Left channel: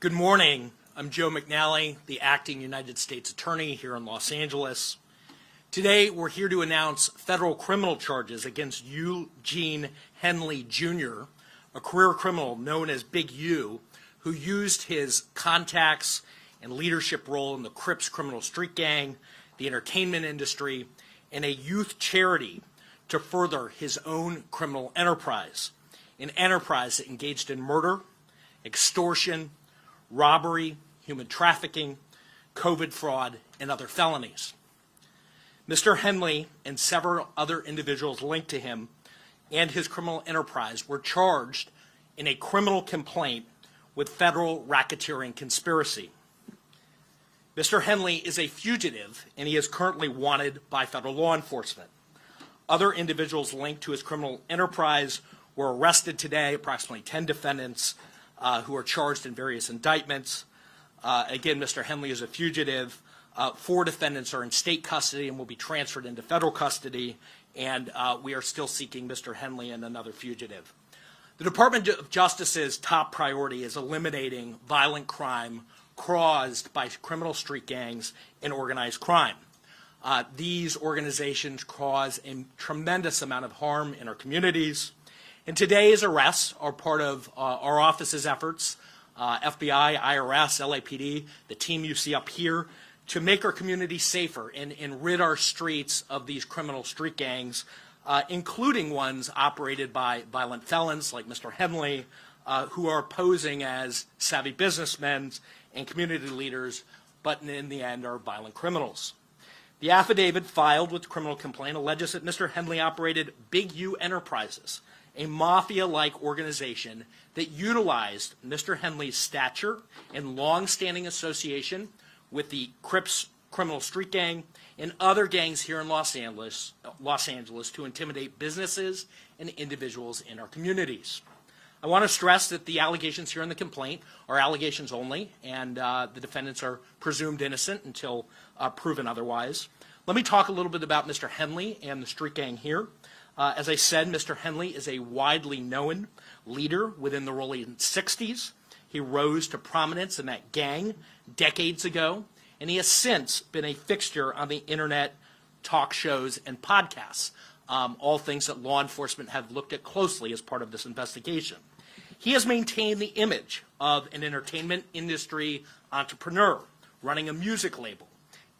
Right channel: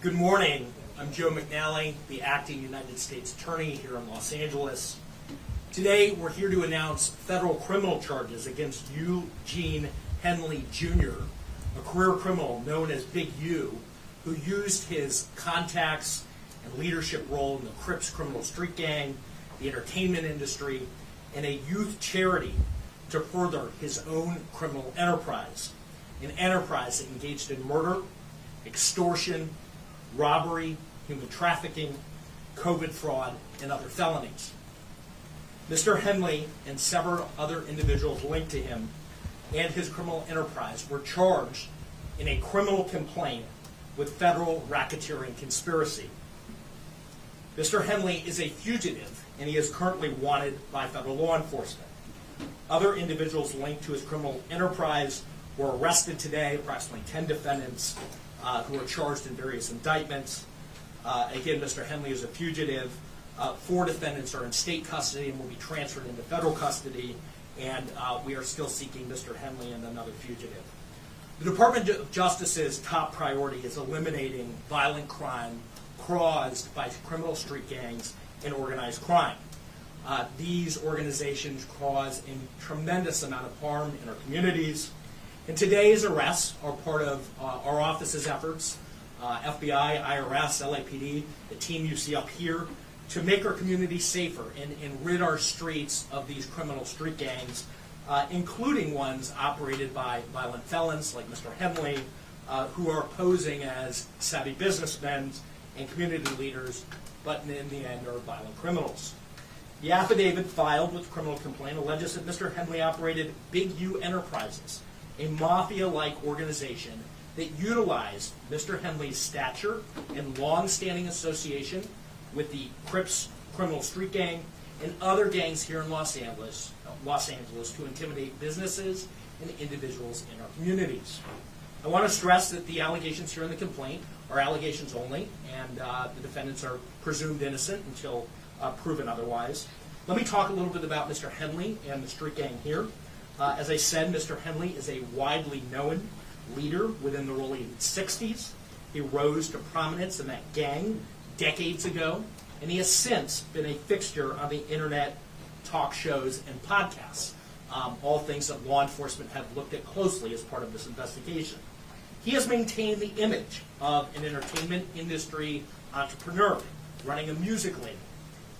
Good morning. I'm Joe McNally, the acting United States Attorney here in Los Angeles. Today, we're here to announce federal criminal charges against Eugene Henley Jr., a career criminal known as Big U, who used his contacts and leadership role in the Crips criminal street gang, the entertainment industry, and a youth charity to further his own criminal enterprise, an enterprise that engaged in murder, extortion, robbery, human trafficking, COVID fraud, and other felonies. Mr. Henley and several other individuals linked to him and his criminal enterprise were charged in a criminal complaint with federal racketeering conspiracy. Mr. Henley is a fugitive, and he is currently wanted by federal law enforcement. Other individuals linked to his criminal enterprise were arrested today, approximately 10 defendants who are charged in various indictments. Again, Mr. Henley is a fugitive. 4 defendants are in state custody and will be transferred into federal custody, and we are still seeking Mr. Henley and another fugitive. The Department of Justice's top priority is eliminating violent crime caused by criminal street gangs and organized crime. These organizations cause a tremendous amount of harm in our communities. And today's arrests are part of our office's efforts, FBI, IRS, LAPD, the team you see up here, to make our community safer and rid our streets of these criminal street gangs, including ones operated by violent felons like Mr. Henley, who are posing as savvy businessmen and community leaders, but in the end are violent criminals. The affidavit filed with the criminal complaint alleges that Mr. Henley operated Big U Enterprises, a mafia-like organization that utilized Mr. Henley's stature and long-standing association with the Crips criminal street gang and other gangs here in Los Angeles to intimidate businesses and individuals in our communities. I want to stress that the allegations here in the complaint are allegations only, and the defendants are presumed innocent until proven otherwise. Let me talk a little bit about Mr. Henley and the street gang here. As I said, Mr. Henley is a widely known leader within the Rollin 60s. He rose to prominence in that gang decades ago, and he has since been a fixture on the internet, talk shows, and podcasts, all things that law enforcement have looked at closely as part of this investigation. He has maintained the image of an entertainment industry entrepreneur running a music label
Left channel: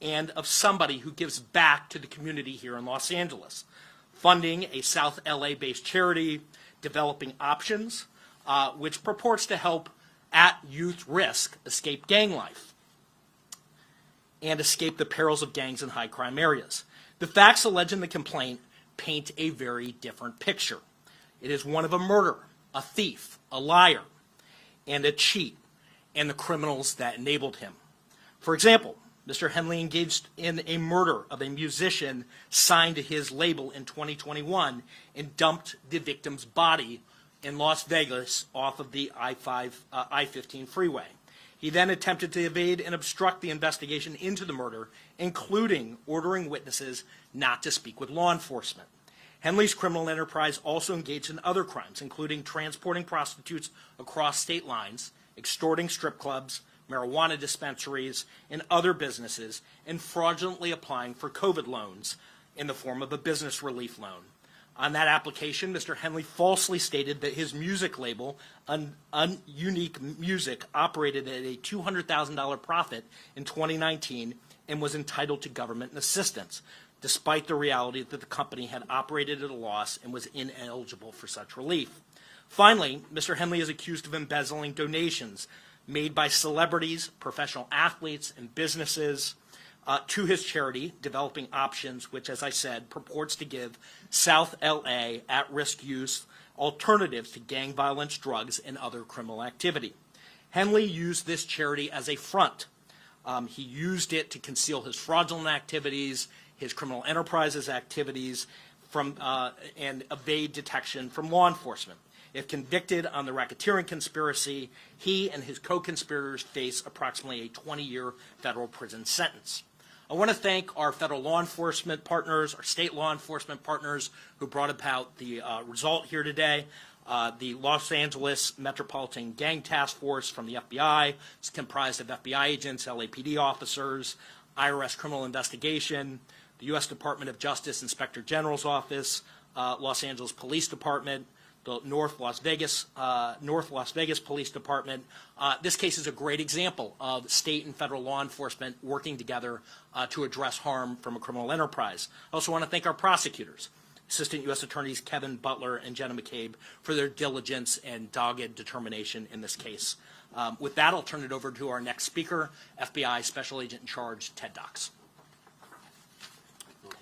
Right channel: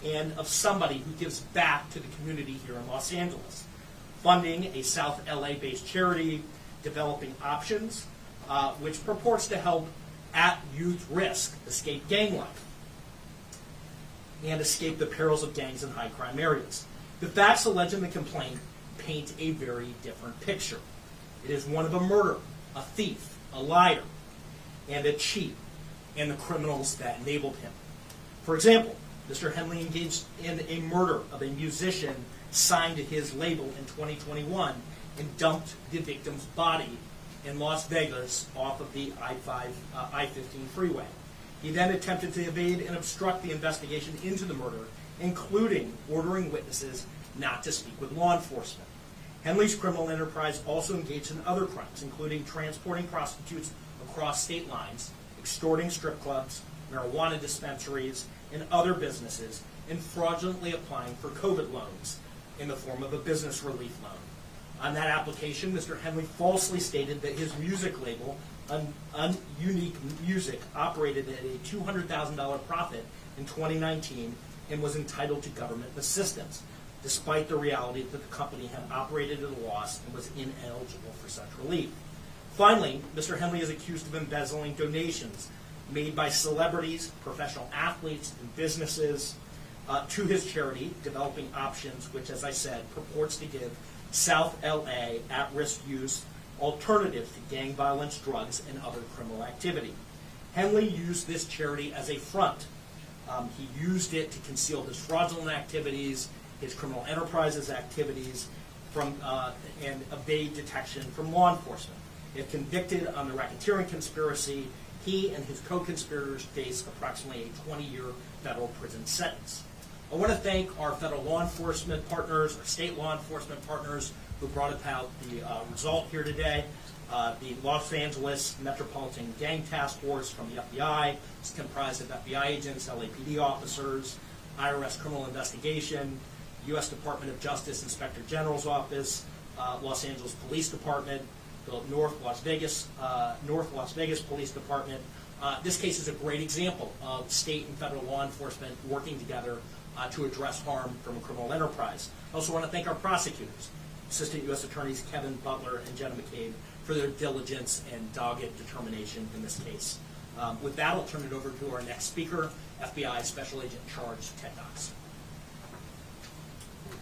and of somebody who gives back to the community here in Los Angeles, funding a South LA-based charity, developing options, which purports to help at youth risk escape gang life and escape the perils of gangs in high crime areas. The facts alleged in the complaint paint a very different picture. It is one of a murderer, a thief, a liar, and a cheat, and the criminals that enabled him. For example, Mr. Henley engaged in a murder of a musician signed to his label in 2021 and dumped the victim's body in Las Vegas off of the I-15 freeway. He then attempted to evade and obstruct the investigation into the murder, including ordering witnesses not to speak with law enforcement. Henley's criminal enterprise also engaged in other crimes, including transporting prostitutes across state lines, extorting strip clubs, marijuana dispensaries, and other businesses, and fraudulently applying for COVID loans in the form of a business relief loan. On that application, Mr. Henley falsely stated that his music label, Unique Music, operated at a $200,000 profit in 2019 and was entitled to government assistance, despite the reality that the company had operated at a loss and was ineligible for such relief. Finally, Mr. Henley is accused of embezzling donations made by celebrities, professional athletes, and businesses to his charity, Developing Options, which, as I said, purports to give South LA at-risk youth alternatives to gang violence, drugs, and other criminal activity. Henley used this charity as a front. He used it to conceal his fraudulent activities, his criminal enterprises activities, and evade detection from law enforcement. If convicted on the racketeering conspiracy, he and his co-conspirators face approximately a 20-year federal prison sentence. I want to thank our federal law enforcement partners, our state law enforcement partners who brought about the result here today. The Los Angeles Metropolitan Gang Task Force from the FBI is comprised of FBI agents, LAPD officers, IRS Criminal Investigation, the U.S. Department of Justice Inspector General's Office, Los Angeles Police Department, the North Las Vegas Police Department. This case is a great example of state and federal law enforcement working together to address harm from a criminal enterprise. I also want to thank our prosecutors, Assistant U.S. Attorneys Kevin Butler and Jenna McCabe, for their diligence and dogged determination in this case. With that, I'll turn it over to our next speaker, FBI Special Agent in Charge, Ted Dox.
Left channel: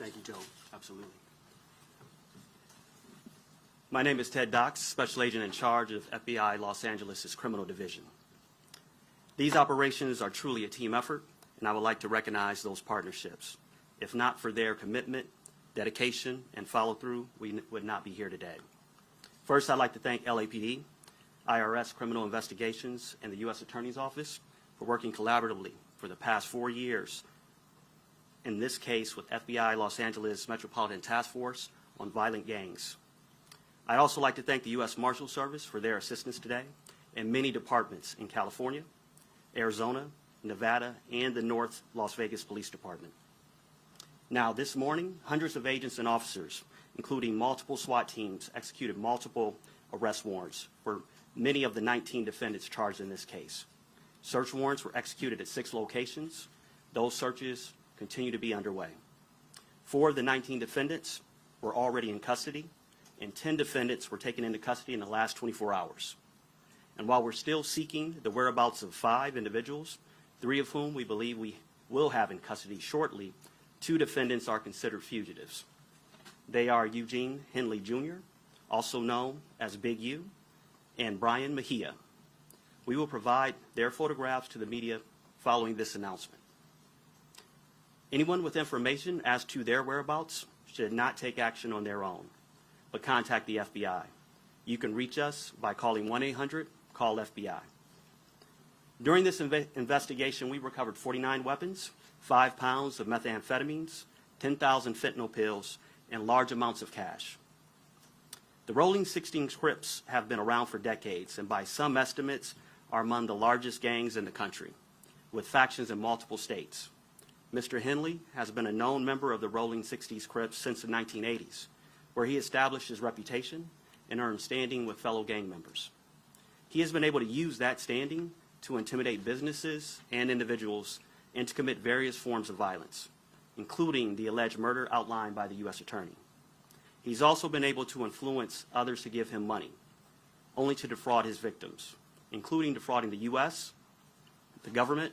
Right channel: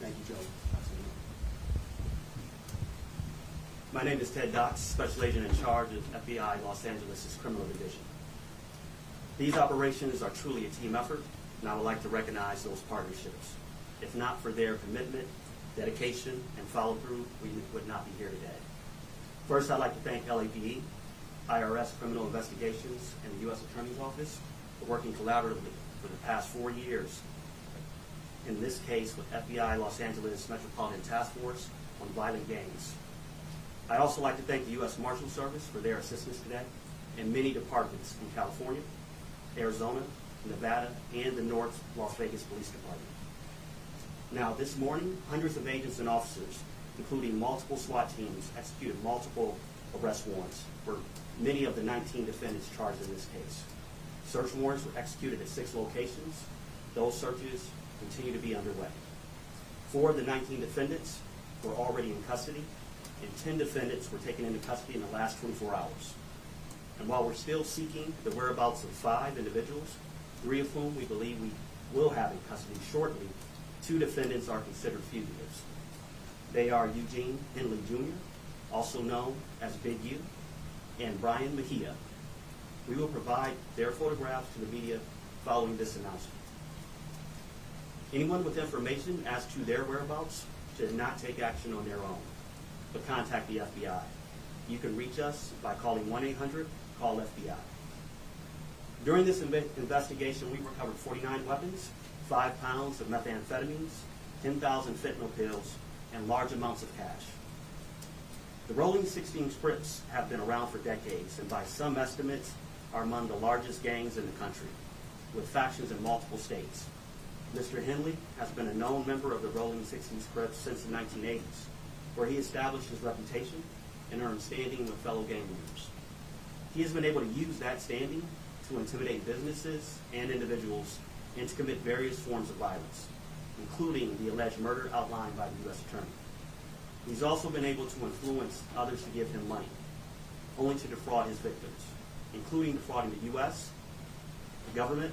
Thank you, Joe. Absolutely. My name is Ted Dox, Special Agent in Charge of FBI Los Angeles' Criminal Division. These operations are truly a team effort, and I would like to recognize those partnerships. If not for their commitment, dedication, and follow-through, we would not be here today. First, I'd like to thank LAPD, IRS Criminal Investigations, and the U.S. Attorney's Office for working collaboratively for the past 4 years, in this case with FBI Los Angeles Metropolitan Task Force on violent gangs. I'd also like to thank the U.S. Marshal Service for their assistance today, and many departments in California, Arizona, Nevada, and the North Las Vegas Police Department. Now, this morning, hundreds of agents and officers, including multiple SWAT teams, executed multiple arrest warrants for many of the 19 defendants charged in this case. Search warrants were executed at 6 locations. Those searches continue to be underway. 4 of the 19 defendants were already in custody, and 10 defendants were taken into custody in the last 24 hours. And while we're still seeking the whereabouts of 5 individuals, 3 of whom we believe we will have in custody shortly, 2 defendants are considered fugitives. They are Eugene Henley Jr., also known as Big U, and Brian Mejia. We will provide their photographs to the media following this announcement. Anyone with information as to their whereabouts should not take action on their own, but contact the FBI. You can reach us by calling 1-800-CALL-FBI. During this investigation, we recovered 49 weapons, 5 pounds of methamphetamines, 10,000 fentanyl pills, and large amounts of cash. The Rolling 16 Crips have been around for decades, and by some estimates are among the largest gangs in the country, with factions in multiple states. Mr. Henley has been a known member of the Rolling 60s Crips since the 1980s, where he established his reputation and earned standing with fellow gang members. He has been able to use that standing to intimidate businesses and individuals and to commit various forms of violence, including the alleged murder outlined by the U.S. Attorney. He's also been able to influence others to give him money, only to defraud his victims, including defrauding the U.S., the government,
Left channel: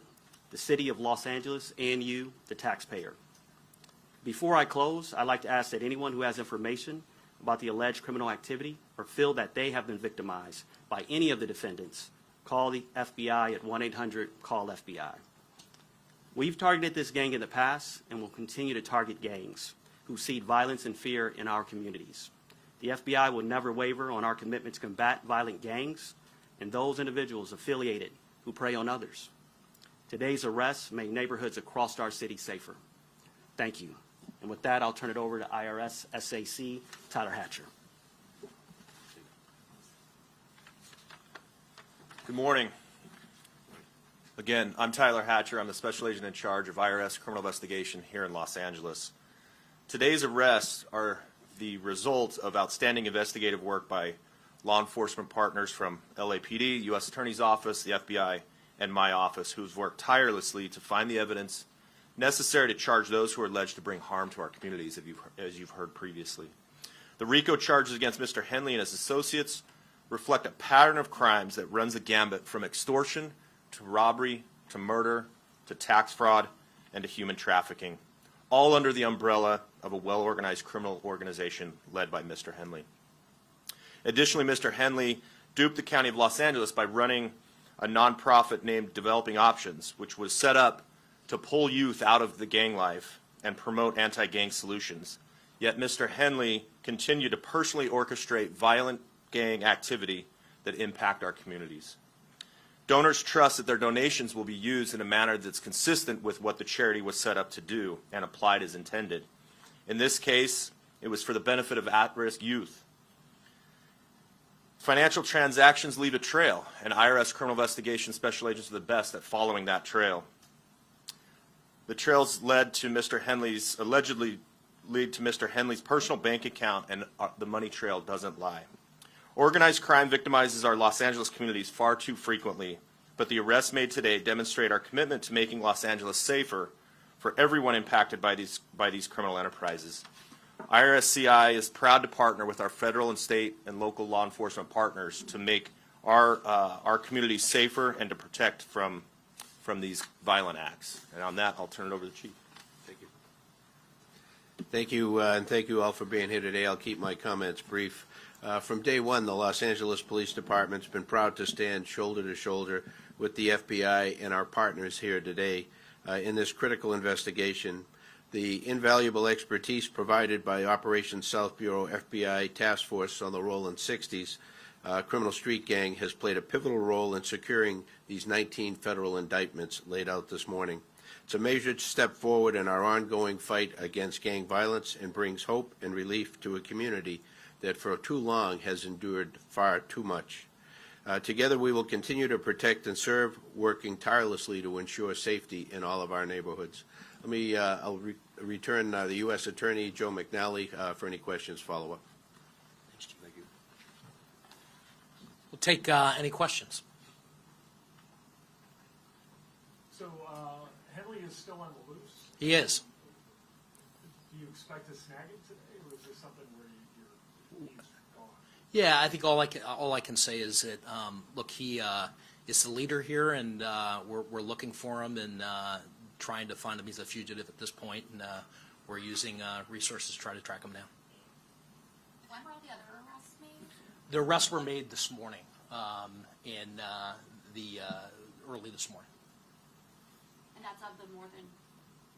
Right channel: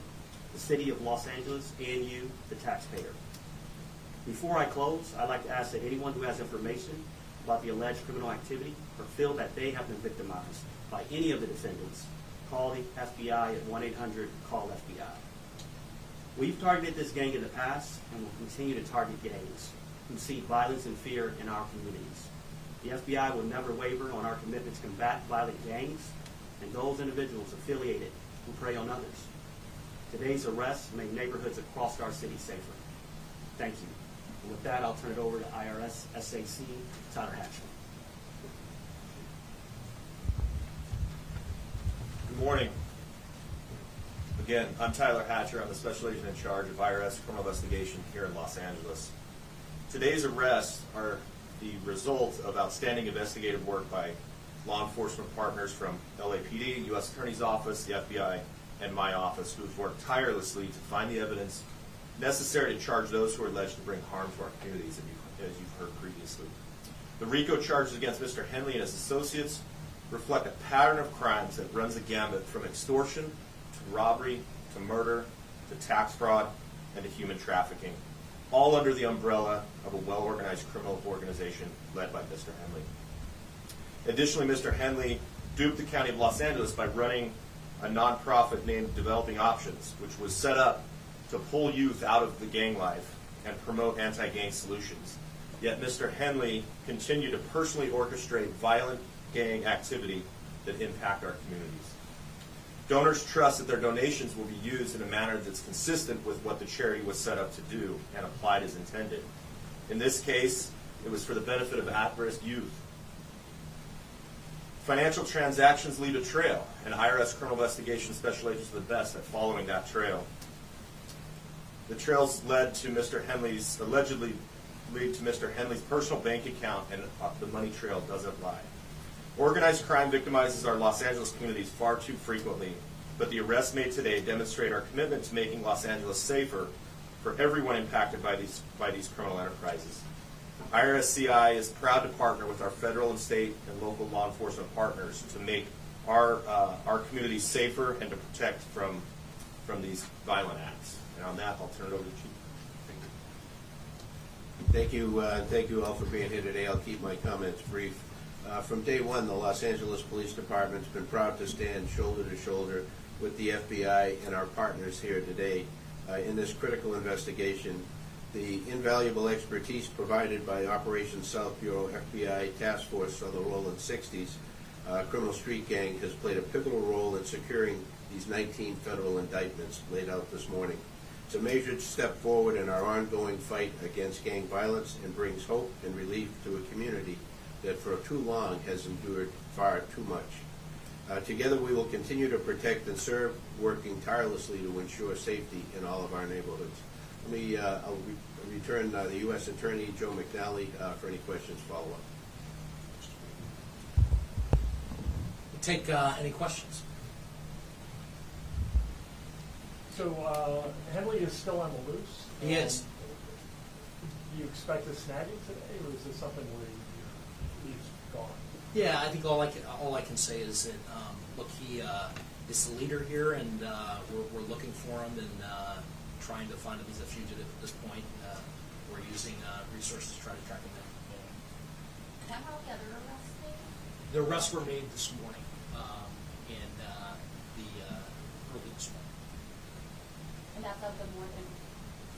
the city of Los Angeles, and you, the taxpayer. Before I close, I'd like to ask that anyone who has information about the alleged criminal activity or feel that they have been victimized by any of the defendants, call the FBI at 1-800-CALL-FBI. We've targeted this gang in the past and will continue to target gangs who seed violence and fear in our communities. The FBI will never waver on our commitment to combat violent gangs and those individuals affiliated who prey on others. Today's arrests make neighborhoods across our city safer. Thank you. And with that, I'll turn it over to IRS SAC Tyler Hatcher. Good morning. Again, I'm Tyler Hatcher. I'm the Special Agent in Charge of IRS Criminal Investigation here in Los Angeles. Today's arrests are the result of outstanding investigative work by law enforcement partners from LAPD, U.S. Attorney's Office, the FBI, and my office, who've worked tirelessly to find the evidence necessary to charge those who are alleged to bring harm to our communities, as you've heard previously. The RICO charges against Mr. Henley and his associates reflect a pattern of crimes that runs the gambit from extortion to robbery to murder to tax fraud and to human trafficking, all under the umbrella of a well-organized criminal organization led by Mr. Henley. Additionally, Mr. Henley duped the County of Los Angeles by running a nonprofit named Developing Options, which was set up to pull youth out of the gang life and promote anti-gang solutions. Yet Mr. Henley continued to personally orchestrate violent gang activity that impact our communities. Donors trust that their donations will be used in a manner that's consistent with what the charity was set up to do and applied as intended. In this case, it was for the benefit of at-risk youth. Financial transactions leave a trail, and IRS criminal investigation special agents are the best at following that trail. The trails led to allegedly lead to Mr. Henley's personal bank account, and the money trail doesn't lie. Organized crime victimizes our Los Angeles communities far too frequently, but the arrests made today demonstrate our commitment to making Los Angeles safer for everyone impacted by these criminal enterprises. IRSCI is proud to partner with our federal and state and local law enforcement partners to make our communities safer and to protect from these violent acts. And on that, I'll turn it over to the Chief. Thank you, and thank you all for being here today. I'll keep my comments brief. From day one, the Los Angeles Police Department's been proud to stand shoulder to shoulder with the FBI and our partners here today in this critical investigation. The invaluable expertise provided by Operations South Bureau FBI Task Force on the Rollin 60s criminal street gang has played a pivotal role in securing these 19 federal indictments laid out this morning. It's a measured step forward in our ongoing fight against gang violence and brings hope and relief to a community that for too long has endured far too much. Together we will continue to protect and serve, working tirelessly to ensure safety in all of our neighborhoods. I'll return the U.S. Attorney, Joe McNally, for any questions follow-up. We'll take any questions. So Henley is still on the loose? He is. Do you expect to snag him today, or is this something where he's gone? Yeah, I think all I can say is that look, he is the leader here, and we're looking for him and trying to find him. He's a fugitive at this point, and we're using resources to try to track him down. Is that how the other arrests made? The arrests were made this morning, early this morning. And that's of the more than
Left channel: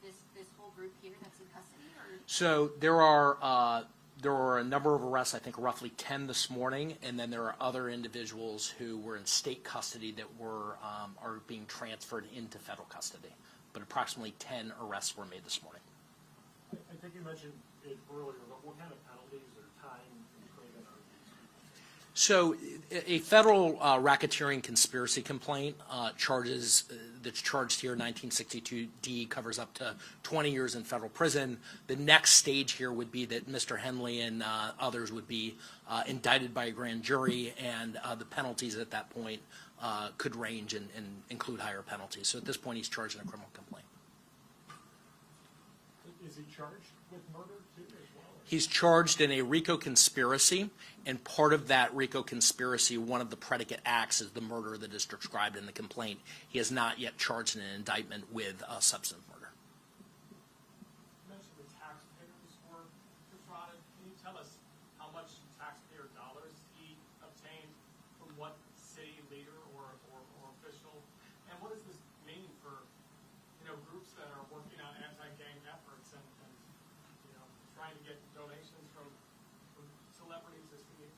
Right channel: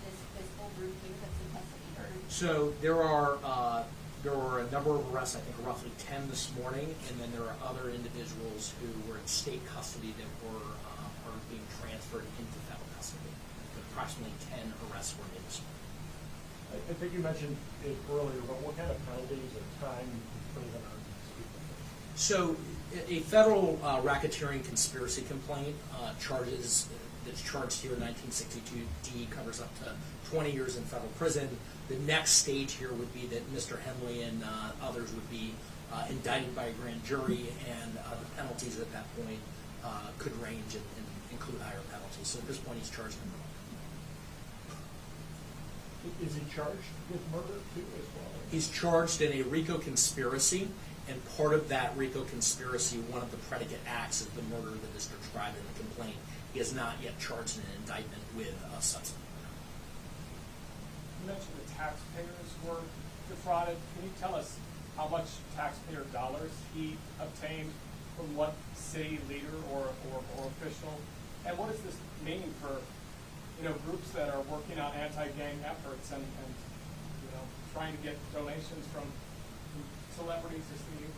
this whole group here that's in custody, or? So there were a number of arrests, I think roughly 10 this morning, and then there are other individuals who were in state custody that are being transferred into federal custody. But approximately 10 arrests were made this morning. I think you mentioned it earlier, but what kind of penalties or time imprisonment are these people? So a federal racketeering conspiracy complaint that's charged here, 1962D, covers up to 20 years in federal prison. The next stage here would be that Mr. Henley and others would be indicted by a grand jury, and the penalties at that point could range and include higher penalties. So at this point, he's charged in a criminal complaint. Is he charged with murder too as well? He's charged in a RICO conspiracy, and part of that RICO conspiracy, one of the predicate acts is the murder that is described in the complaint. He has not yet charged in an indictment with a substantive murder. You mentioned the taxpayers were defrauded. Can you tell us how much taxpayer dollars he obtained from what city leader or official? And what does this mean for groups that are working on anti-gang efforts and trying to get donations from celebrities as needed?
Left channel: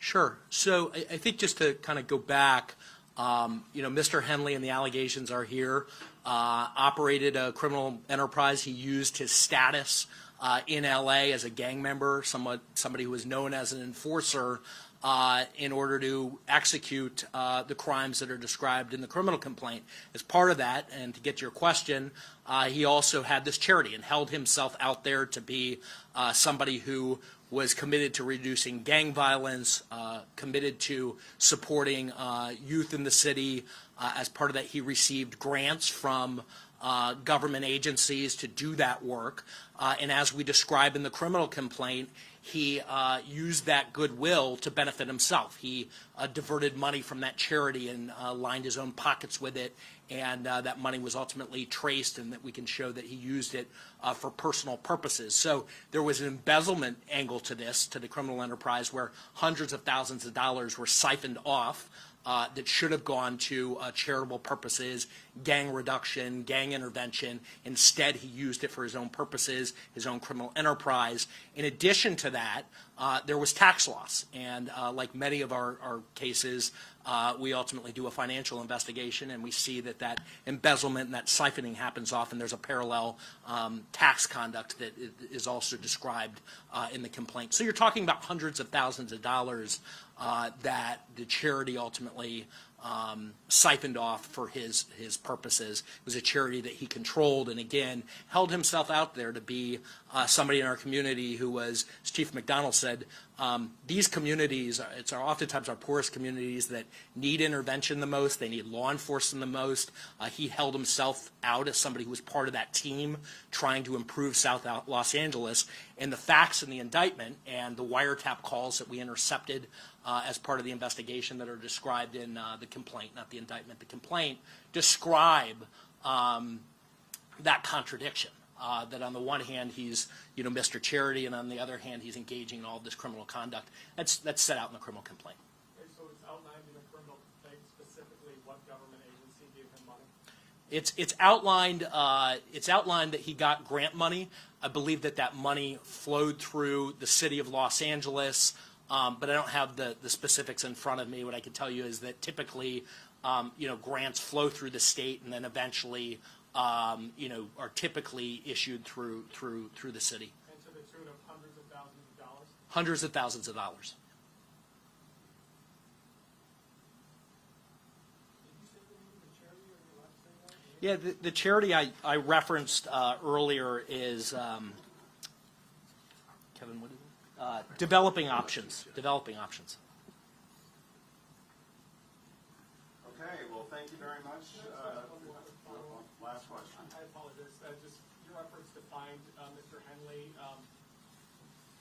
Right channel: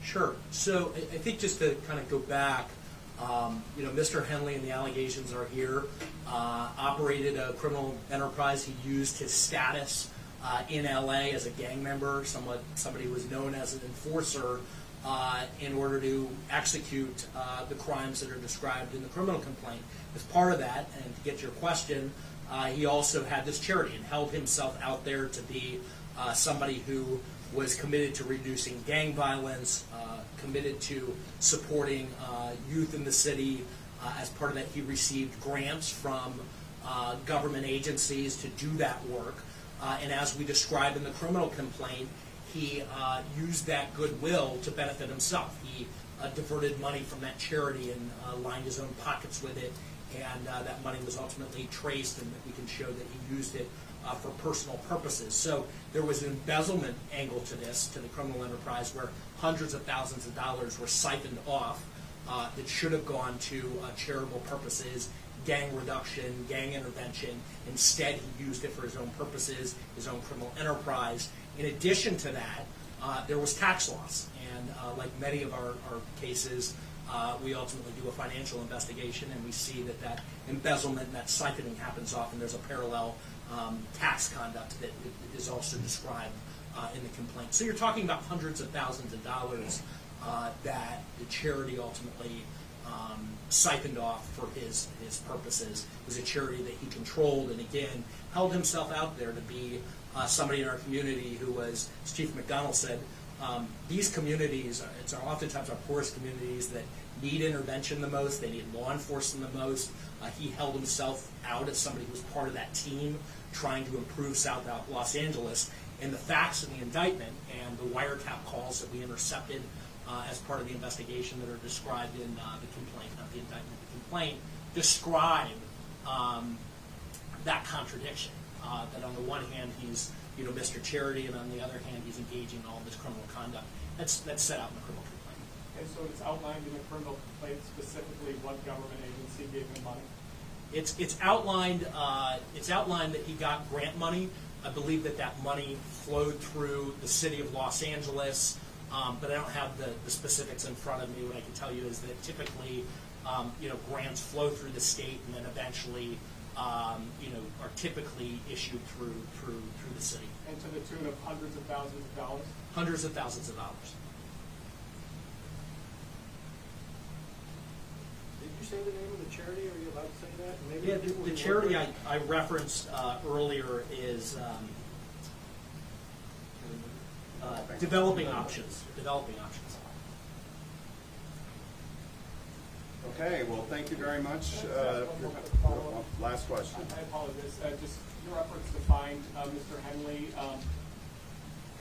Sure. So I think just to kind of go back, Mr. Henley and the allegations are here, operated a criminal enterprise. He used his status in LA as a gang member, somebody who was known as an enforcer, in order to execute the crimes that are described in the criminal complaint. As part of that, and to get to your question, he also had this charity and held himself out there to be somebody who was committed to reducing gang violence, committed to supporting youth in the city. As part of that, he received grants from government agencies to do that work. And as we describe in the criminal complaint, he used that goodwill to benefit himself. He diverted money from that charity and lined his own pockets with it, and that money was ultimately traced, and that we can show that he used it for personal purposes. So there was an embezzlement angle to this, to the criminal enterprise, where hundreds of thousands of dollars were siphoned off that should have gone to charitable purposes, gang reduction, gang intervention. Instead, he used it for his own purposes, his own criminal enterprise. In addition to that, there was tax loss. And like many of our cases, we ultimately do a financial investigation, and we see that embezzlement and that siphoning happens often. There's a parallel tax conduct that is also described in the complaint. So you're talking about hundreds of thousands of dollars that the charity ultimately siphoned off for his purposes. It was a charity that he controlled, and again held himself out there to be somebody in our community who was, as Chief McDonald said, these communities are oftentimes our poorest communities that need intervention the most. They need law enforcement the most. He held himself out as somebody who was part of that team trying to improve South Los Angeles. And the facts in the indictment and the wiretap calls that we intercepted as part of the investigation that are described in the complaint, not the indictment, the complaint, describe that contradiction. That on the one hand he's Mr. Charity, and on the other hand he's engaging in all this criminal conduct. That's set out in the criminal complaint. And so it's outlined in the criminal complaint specifically what government agency gave him money? It's outlined. It's outlined that he got grant money. I believe that money flowed through the city of Los Angeles, but I don't have the specifics in front of me. What I can tell you is that typically, grants flow through the state and then eventually, are typically issued through the city. And to the tune of hundreds of thousands of dollars? Hundreds of thousands of dollars. Did you say the name of the charity? Are you allowed to say that? Maybe Yeah, the charity I referenced earlier is Developing Options. Developing Options. Okay, well, thank you very much. Last question. I apologize. Just your efforts to find Mr. Henley.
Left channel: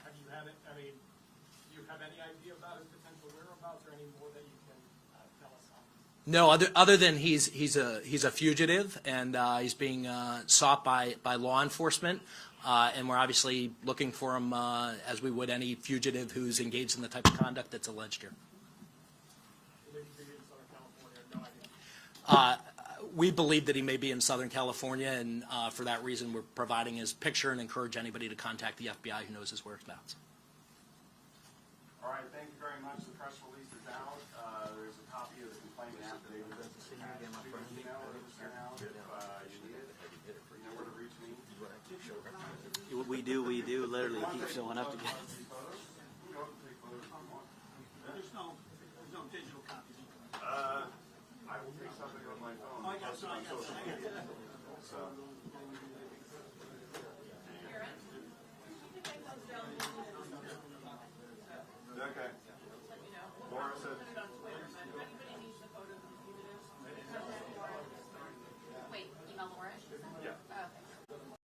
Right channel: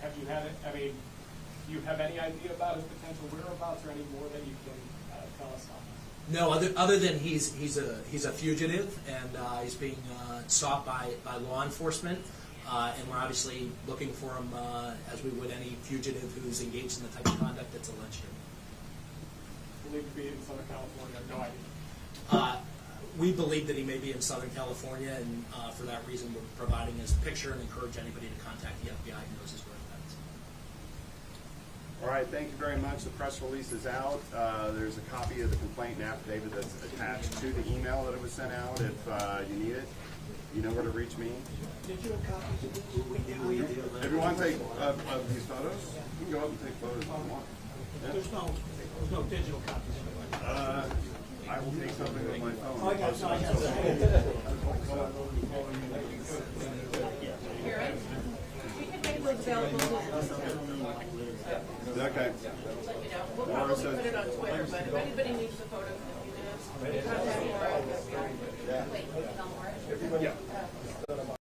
Have you had? Do you have any idea about his potential whereabouts, or any more that you can tell us on this? No, other than he's a fugitive and he's being sought by law enforcement, and we're obviously looking for him as we would any fugitive who's engaged in the type of conduct that's alleged here. Believed to be in Southern California. No idea. We believe that he may be in Southern California, and for that reason we're providing his picture and encourage anybody to contact the FBI who knows his whereabouts. All right, thank you very much. The press release is out. There's a copy of the complaint and affidavit that's attached to the email that it was sent out. If you need it, you know where to reach me. Did you have copies of this? We do. If you want to take of these photos, you can go up and take photos if you want. There's no digital copies of it. I will take something with my phone. Oh, I got it. We can make those available. Okay. We'll probably put it on Twitter, but if anybody needs the photos in a few minutes,